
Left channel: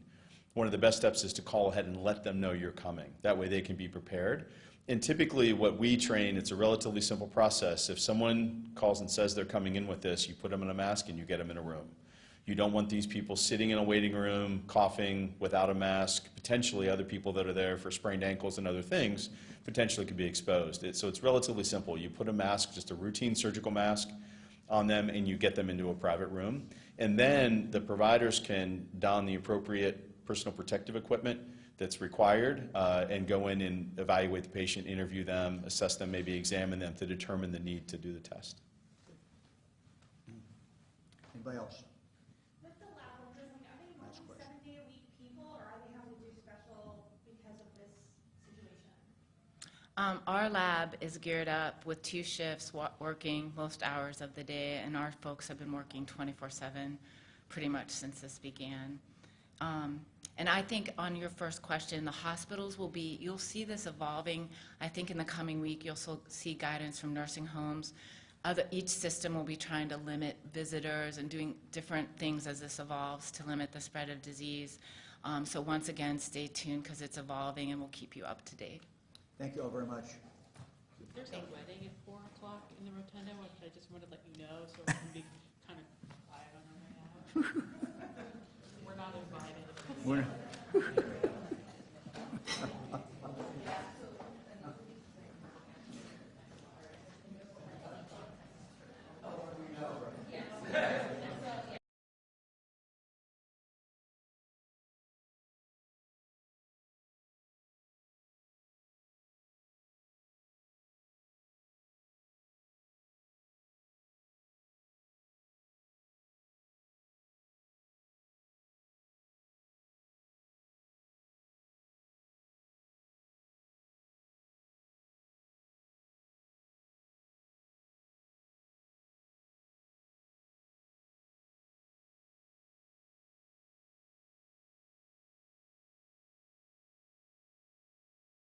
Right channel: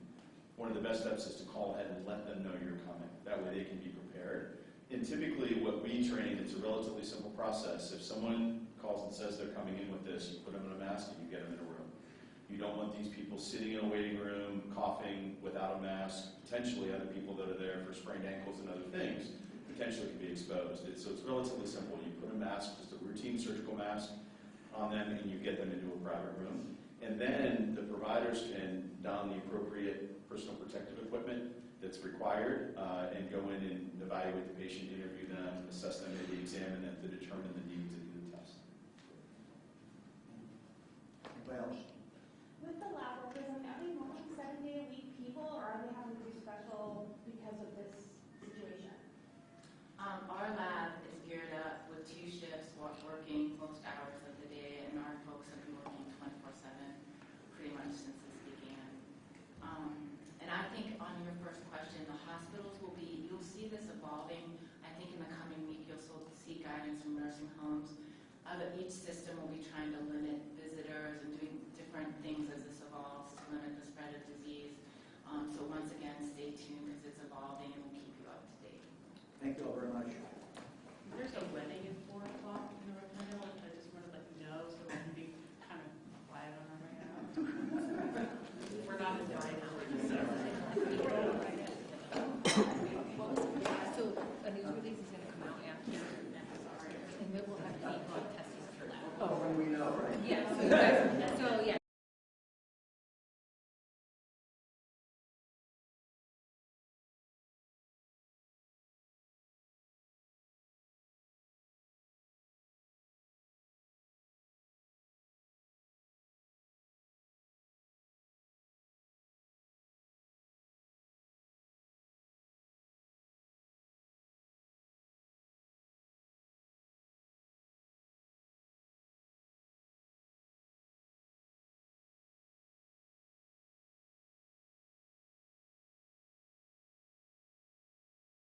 one of the best steps is to call ahead and let them know you're coming. That way they can be prepared. And typically what we train, it's a relatively simple process. If someone calls and says they're coming in with this, you put them in a mask and you get them in a room. You don't want these people sitting in a waiting room, coughing without a mask. Potentially other people that are there for sprained ankles and other things potentially could be exposed. So it's relatively simple. You put a mask, just a routine surgical mask, on them, and you get them into a private room. And then the providers can don the appropriate personal protective equipment that's required and go in and evaluate the patient, interview them, assess them, maybe examine them to determine the need to do the test. Anybody else? With the lab workers, are they mostly 7-day-a-week people, or are they having to do special because of this situation? Our lab is geared up with 2 shifts, working most hours of the day, and our folks have been working 24/7 pretty much since this began. And I think on your first question, the hospitals you'll see this evolving. I think in the coming week, you'll see guidance from nursing homes. Each system will be trying to limit visitors and doing different things as this evolves to limit the spread of disease. So once again, stay tuned because it's evolving and we'll keep you up to date. Thank you all very much. There's a wedding at 4 o'clock in the rotunda. I just wanted to let you know so we can be kind of quiet on our way out.